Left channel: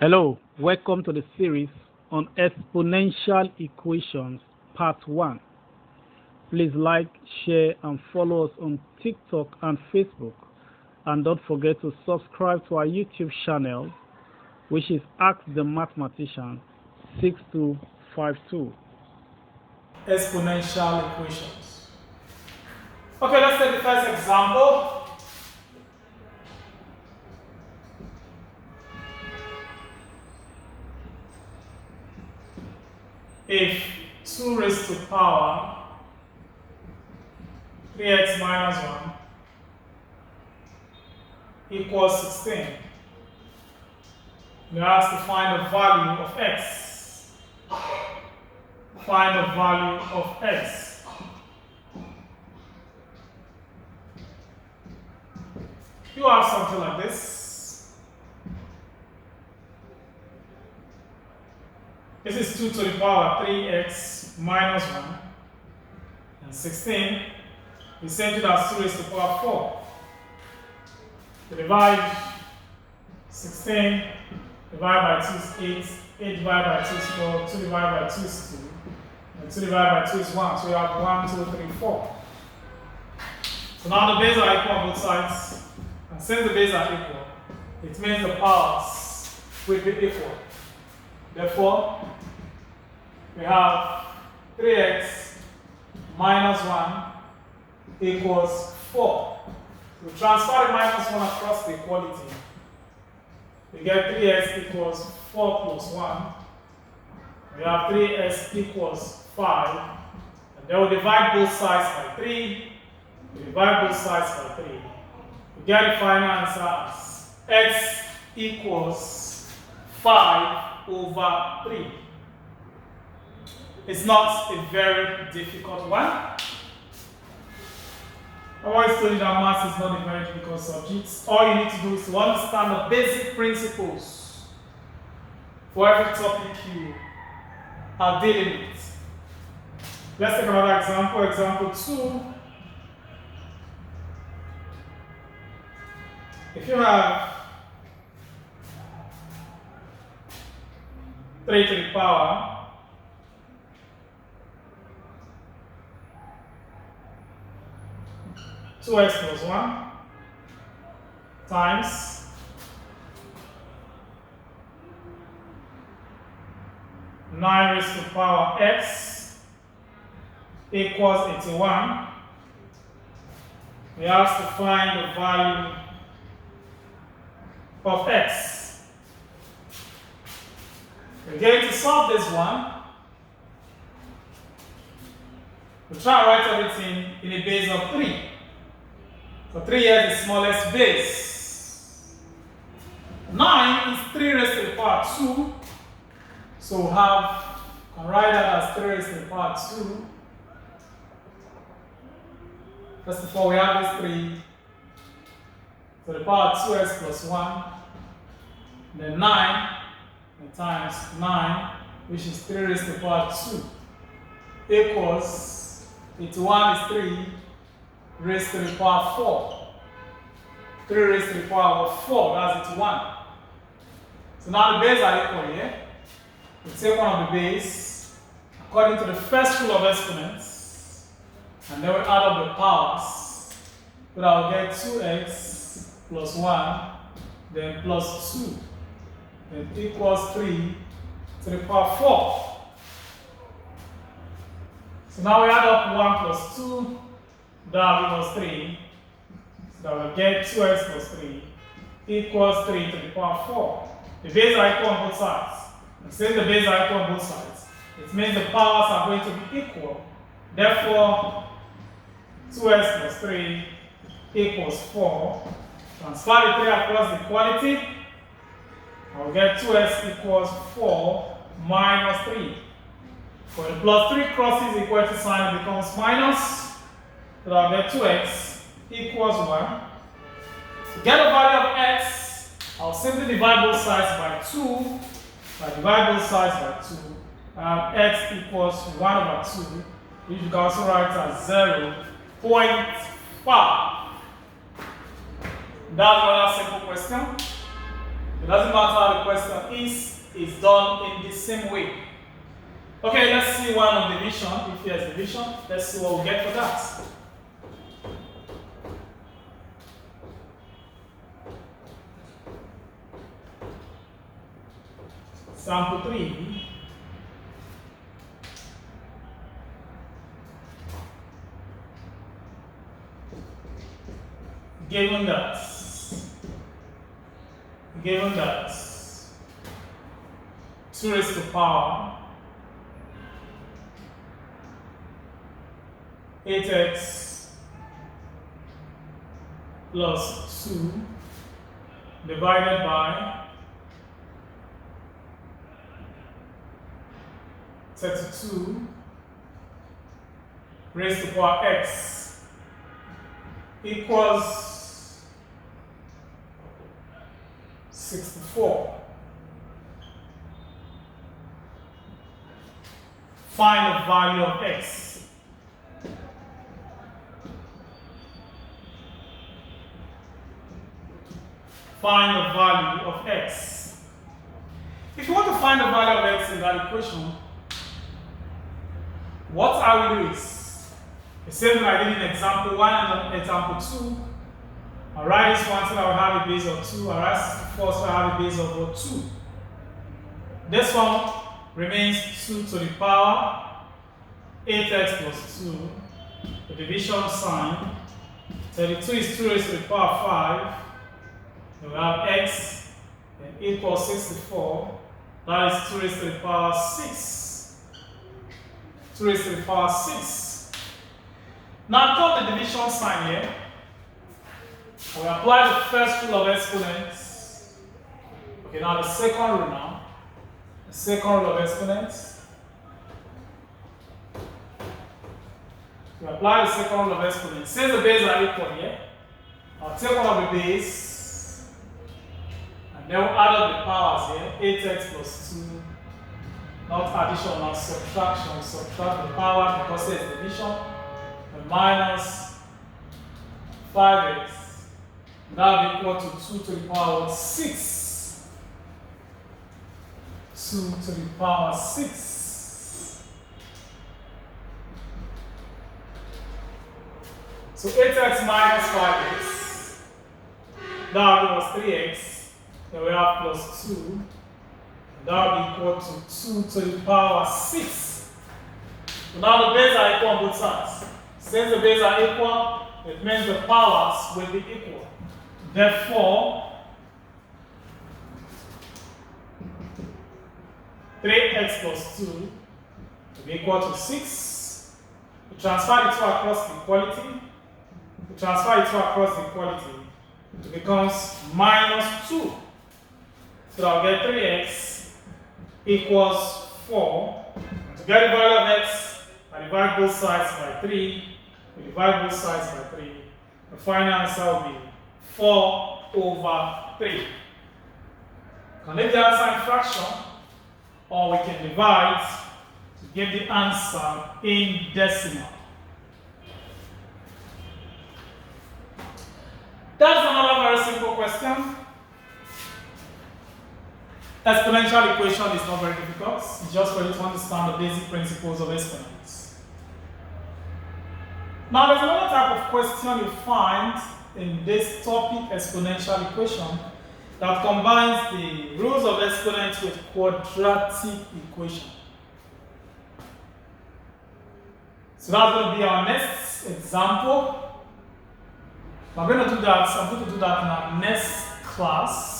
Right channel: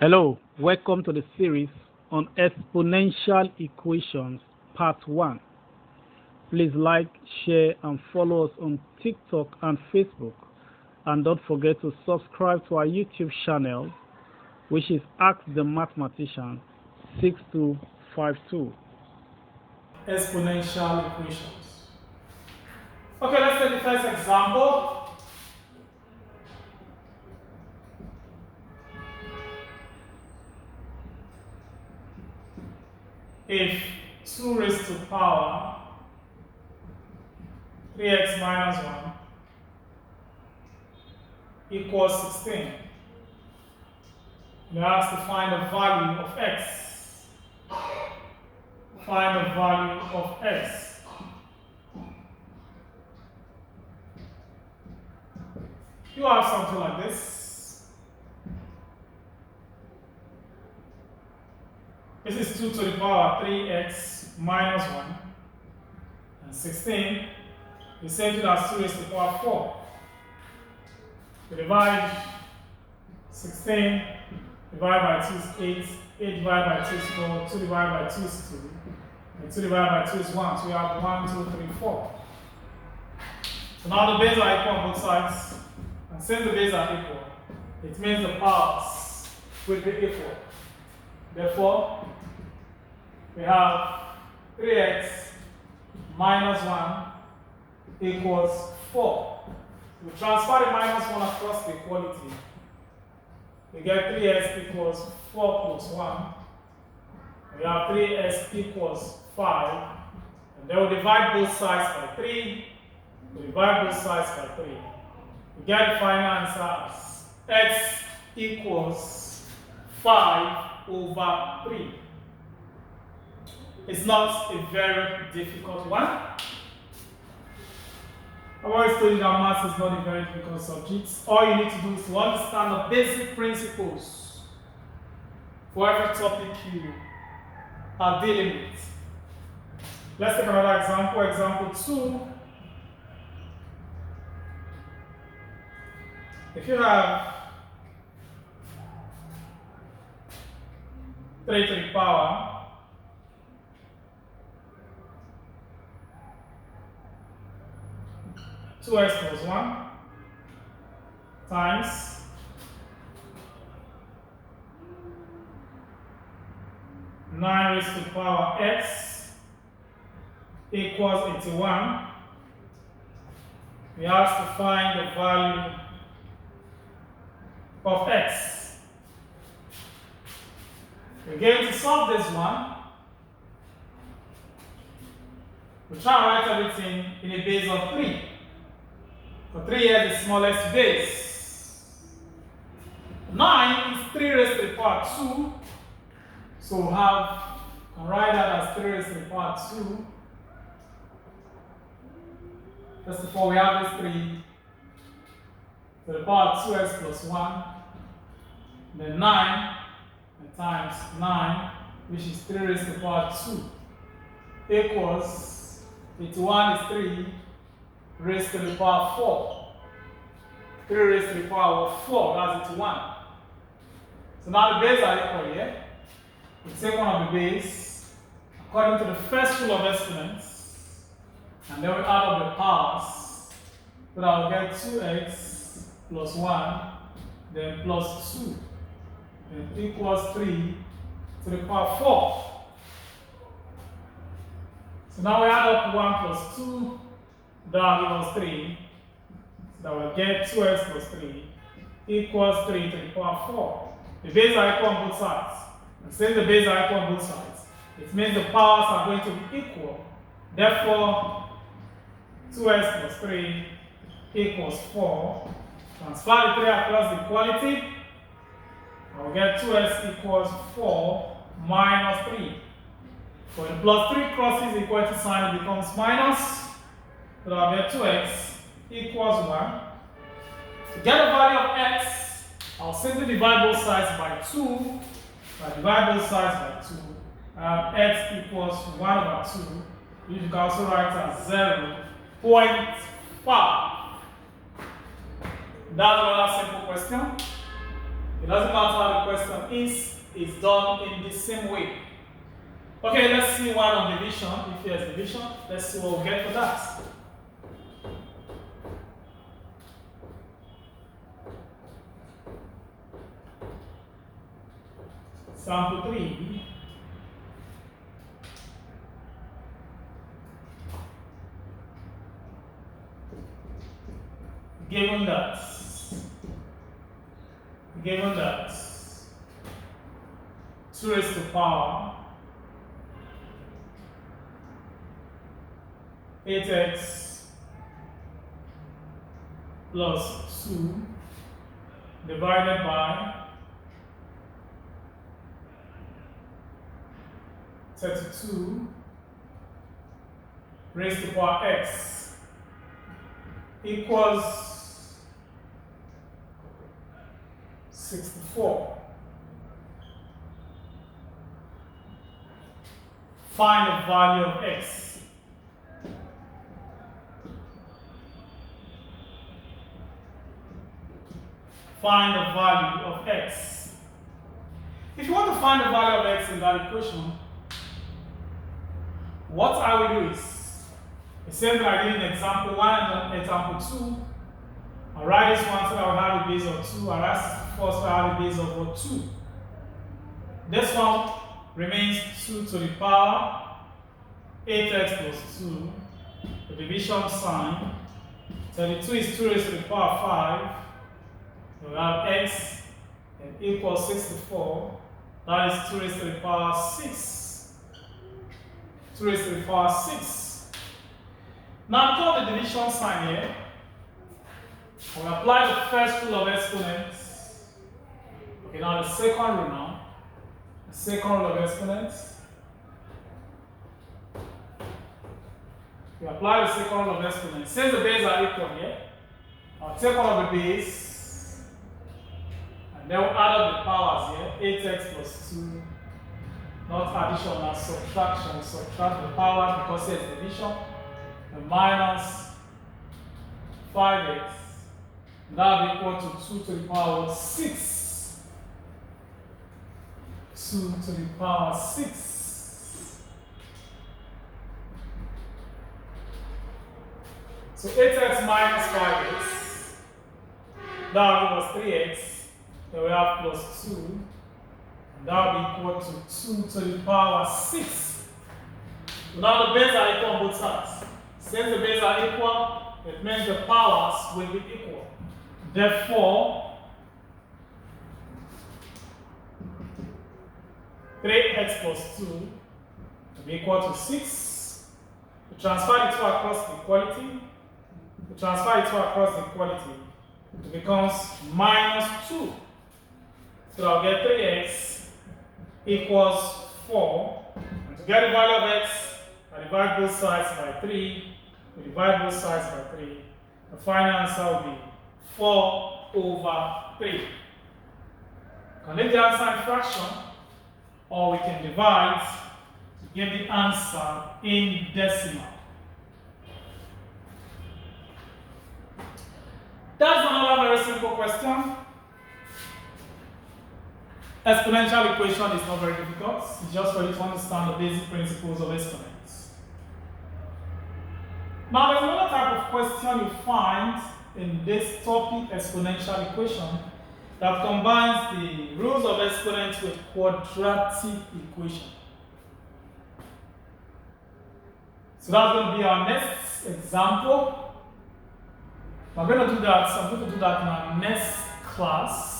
Hello, welcome to the series on exponential equations, part 1. Please like, share, and follow us on TikTok and Facebook. And don't forget to subscribe to our YouTube channel, which is Ask the Mathematician 6252. Exponential equations. Okay, let's take the first example. If 2 raised to power 3x minus 1 equals 16, we ask to find the value of x. Find the value of x. You have something like this. This is 2 to the power 3x minus 1 and 16 is same thing as 2 raised to the power 4. To divide 16 divided by 2 is 8, 8 divided by 2 is 4, 2 divided by 2 is 2, and 2 divided by 2 is 1. So we have 1, 2, 3, 4. So now the bases are equal on both sides, and since the bases are equal, it means the powers will be equal. Therefore, we have 3x minus 1 equals 4. We transfer the minus 1 across the equality. We get 3x equals 4 plus 1. We have 3x equals 5. And then we divide both sides by 3. We divide both sides by 3. We get the final answer as x equals 5 over 3. It's not a very difficult one. I've always told you that math is not a very difficult subject. All you need to do is to understand the basic principles for every topic you are dealing with. Let's take another example. Example 2. If you have 3 to the power 2x plus 1 times 9 raised to the power x equals 81. We have to find the value of x. We're going to solve this one. We'll try and write everything in a base of 3. So 3 is the smallest base. 9 is 3 raised to the power 2. So we'll can write that as 3 raised to the power 2. First of all, we have this 3 to the power 2x plus 1. Then 9 times 9, which is 3 raised to the power 2, equals 81 is 3 raised to the power 4. 3 raised to the power of 4, that's 81. So now the bases are equal here. We take one of the bases according to the first rule of exponents, and then we add up the powers. So that will get 2x plus 1, then plus 2. Then equals 3 to the power 4. So now we add up 1 plus 2, that will give us 3. So that will get 2x plus 3 equals 3 to the power 4. The bases are equal on both sides. And since the bases are equal on both sides, it means the powers are going to be equal. Therefore, 2x plus 3 equals 4. Transfer the 3 across the equality. I'll get 2x equals 4 minus 3. When the plus 3 crosses the equality sign, it becomes minus. So I'll get 2x equals 1. To get the value of x, I'll simply divide both sides by 2. If I divide both sides by 2, x equals 1 over 2, which you can also write as 0.5. That's another simple question. It doesn't matter how the question is, it's done in the same way. Okay, let's see one on division. If there's division, let's see what we'll get for that. Sample 3. Given that 2 raised to the power 8x plus 2 divided by 32 raised to the power x equals 64. Find the value of x. Find the value of x. If you want to find the value of x in that equation, what I will do is the same thing I did in example 1 and example 2. I'll write this one so I will have a base of 2. I'll write 64 so I have a base of 2. This one remains 2 to the power 8x plus 2. The division sign. 32 is 2 raised to the power 5. Then we have x and equals 64. That is 2 raised to the power 6. 2 raised to the power 6. Now plot the division sign here. We apply the first rule of exponents. Okay, now the second rule now. The second rule of exponents. We apply the second rule of exponents. Since the bases are equal here, I'll take one of the base and then we'll add up the powers here. 8x plus 2. Not addition, not subtraction. We subtract the power because it's division. And minus 5x. That will equal to 2 to the power 6. 2 to the power 6. So 8x minus 5x. That will give us 3x. Then we have plus 2. That will equal to 2 to the power 6. So now the bases are equal on both sides. Since the bases are equal, it means the powers will be equal. Therefore, 3x plus 2 will be equal to 6. We transfer the 2 across the equality. We transfer the 2 across the equality. It becomes minus 2. So I'll get 3x equals 4. And to get the value of x, I divide both sides by 3. We divide both sides by 3. The final answer will be 4 over 3. We can leave the answer in fraction, or we can divide to get the answer in decimal. That's another very simple question. Exponential equation is not very difficult. It's just for you to understand the basic principles of exponents. Now there's another type of question you find in this topic, exponential equation, that combines the rules of exponents with quadratic equation. So that's going to be our next example. I'm going to do that in our next class.